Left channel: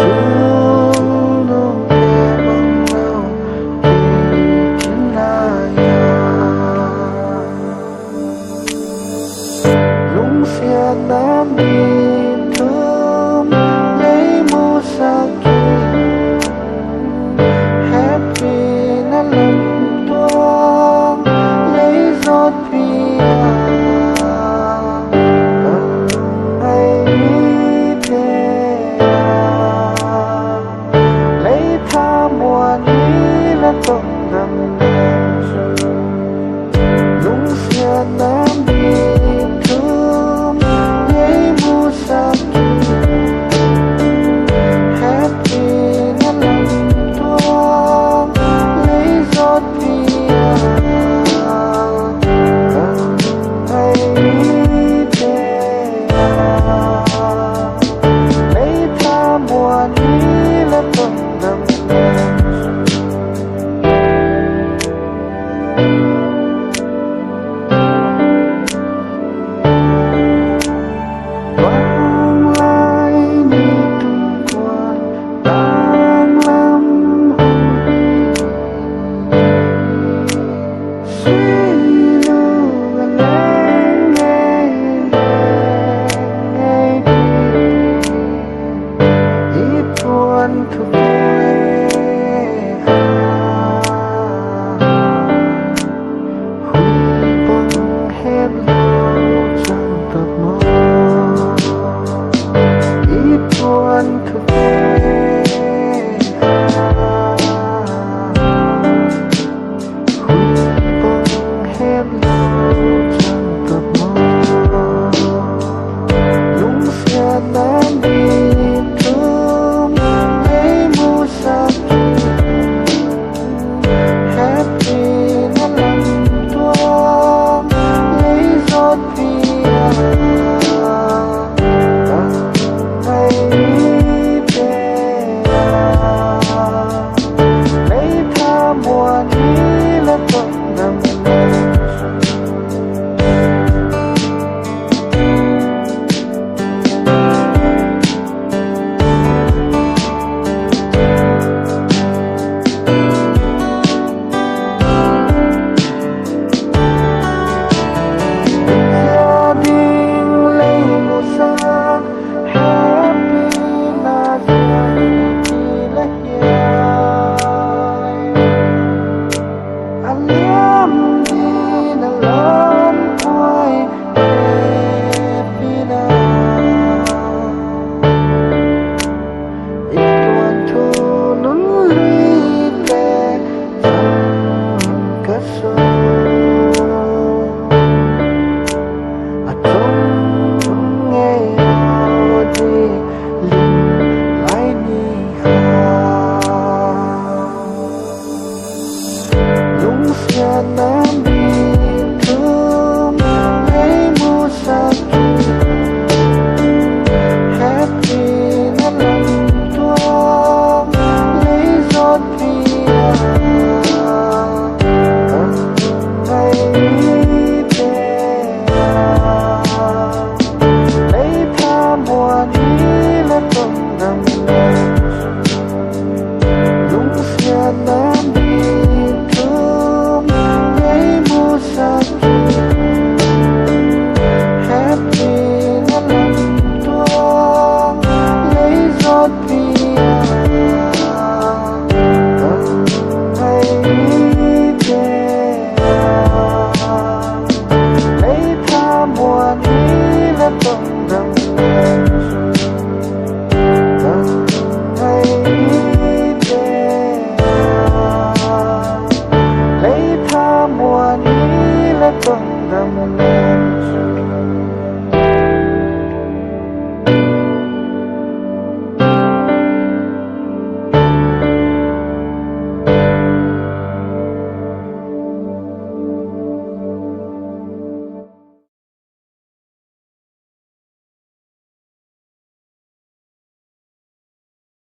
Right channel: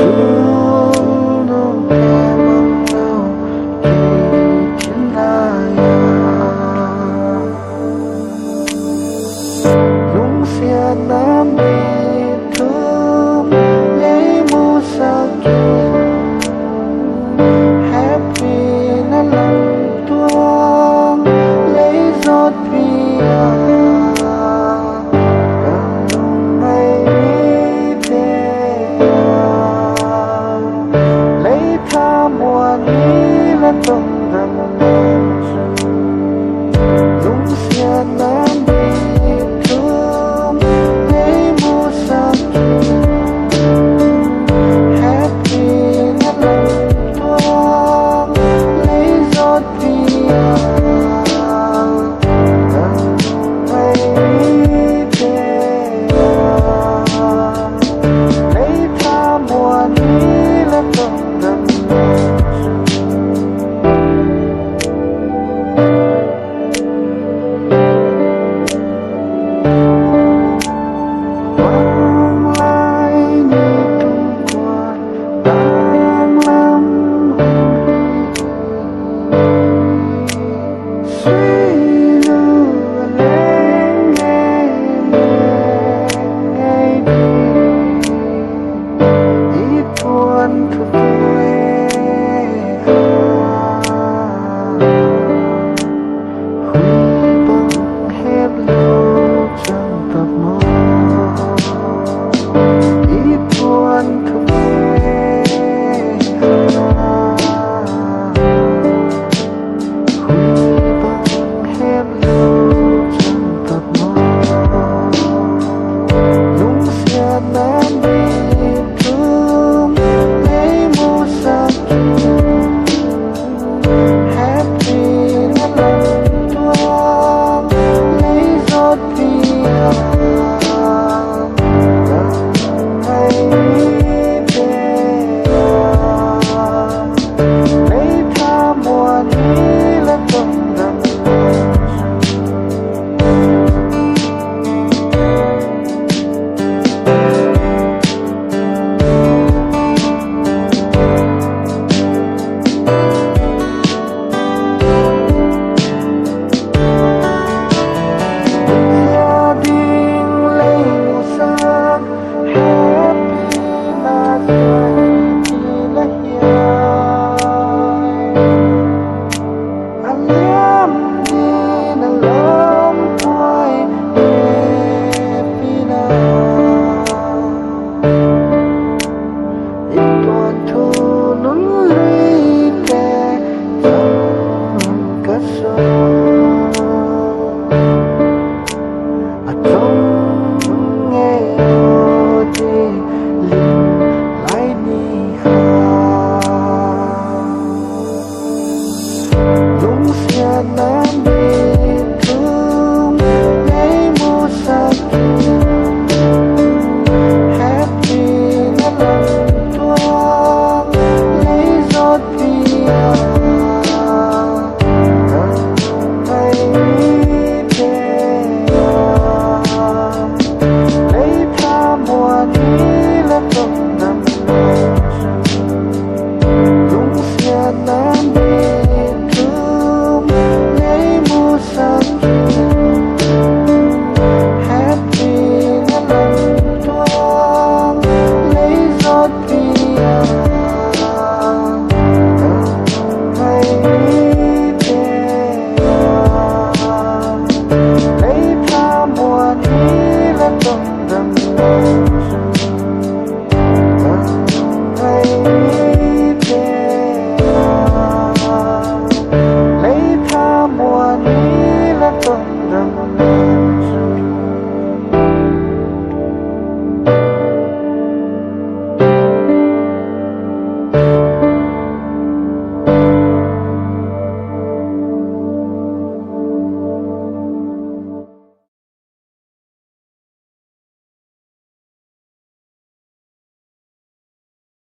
Solo que mong kỳ thiên ya lung xia nam đi thơm lấy mu sa kinh happy na lam tuang lấy giọt bia cần lung ngày đi lấy tha mùa ní là tông đầm nam chu lung xia nam đi thơm lấy mu sa kinh happy na lam tuang lấy giọt bia cần lung ngày đi lấy tha mùa ní là tông đầm nam vang lai ni tung qua tang lam hồng hi suy lưu lên nghe đi ít buồn thuộc quê huy băng hết lâu chẳng tập mơ ít buồn thuộc quê huy băng hết lâu chẳng tập mơ lung xia nam đi thơm lấy mu sa kinh happy na lam tuang lấy giọt bia cần ngày đi lấy tha mùa ní là tông đầm nam gia đình lấy mùa sang happy na dài chỉ là hiền anh liêm đi na lom quay happy na ít tuần thu nún lũy tè dòng cất sâu trong nghe đi linh lại đi ha lung xia nam đi thơm lấy mu sa kinh happy na lam tuang lấy giọt bia cần lung ngày đi lấy tha mùa ní là tông đầm nam lung xia nam đi thơm lấy mu sa kinh happy na lam tuang lấy giọt bia cần lung ngày đi lấy tha mùa ní là tông đầm nam cần lung ngày đi lấy tha mùa ní là tông đầm nam